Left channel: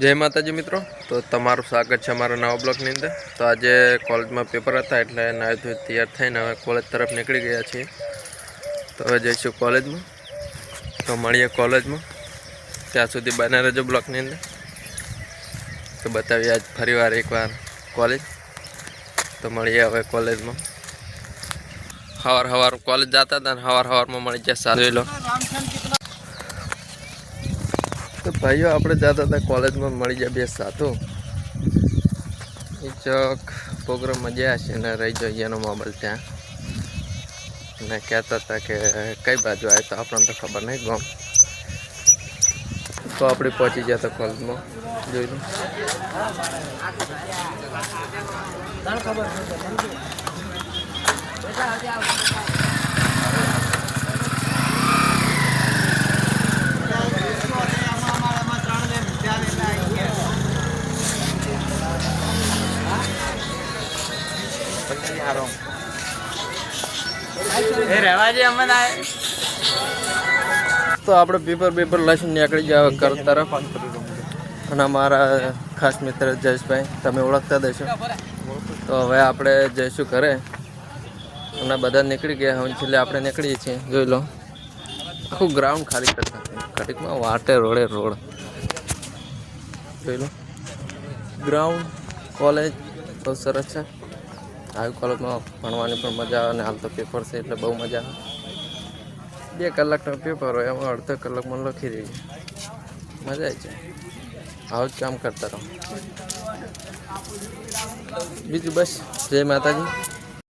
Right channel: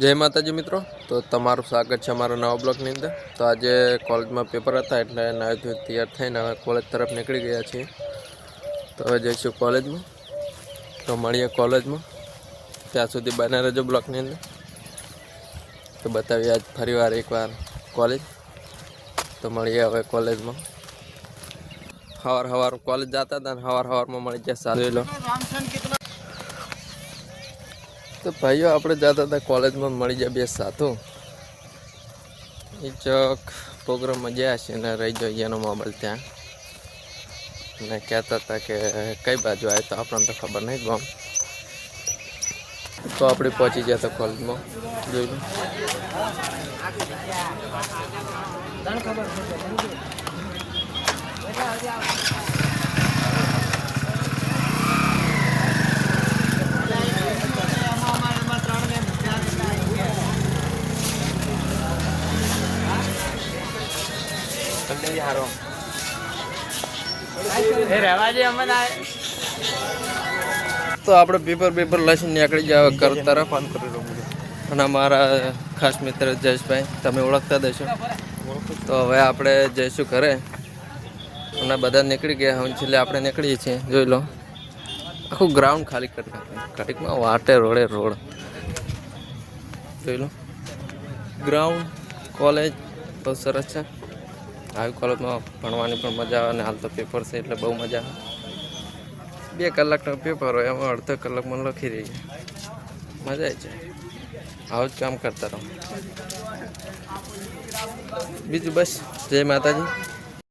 જય માતાજી મિત્રો. તો તમારું સ્વાગત છે અમારા નવા બ્લોકની અંદર. તો આજે કોલેજમાં પેપર હતા એટલે નાહી ધોઈ તૈયાર થઈને હવે કોલેજ તરફ નીકળી ગયા છીએ. તો હવે જઈશું કોલેજમાં. તો મળીએ કોલેજમાં. ત્યાં સુધી બને રહેજો બ્લોકની અંદર. તો બતાવીએ આજ ફરીવાર એકવાર કોલેજ. તો મળીએ હવે કોલેજમાં. સવાર સવાર કોલેજ જતા હતા ને સવાર સવારમાં મળી જાય સારું. લો. ભાઈઓ, આપણે જતા હતા કોલેજમાં મળી જાય બે સાથો એ ચોક પ્રોગ્રામમાં ગયા છે ને રહી જાય એનો મોબાઈલ ત્યાં. ને કહેતા હતા કે, કઈ બાજુ આવે તો આપણને તો ખબર નહીં ગમ તો આપણે પહોંચી ગયા કોલેજમાં. જોઈ એ રહેવા દે અમને તો આપણે પેપર પેપર લઈને નીકળી ગયા હવે ઘર તરફ. અને અમારા ખાસ મિત્ર જયેશભાઈ તમે ઓળખતા દેશો તો હવે આપણે જઈશું ઘરે. અને બધા નીકળી ગયા હવે છેલ્લે આપણે નીકળીએ છીએ. જોઈ લો. આખું ગ્રાઉન્ડ ખાલી ઘડીકમાં વાટે રોડે રોડ. જોઈ લો. ગ્રાઉન્ડ કોલેજ બહુ સરસ છે. આવી કોલેજમાં ભણવાની પણ મજા આવે અને હાલ તો પેપર છે એટલે બહુ મજા આવે. બે કલાકનો પેપર હોય, એમાં અડધો કલાકમાં લખી દઈએ. મજા આવી જાય. આવું જ કામ કરતા રહો. બીજું બસ. જય માતાજી.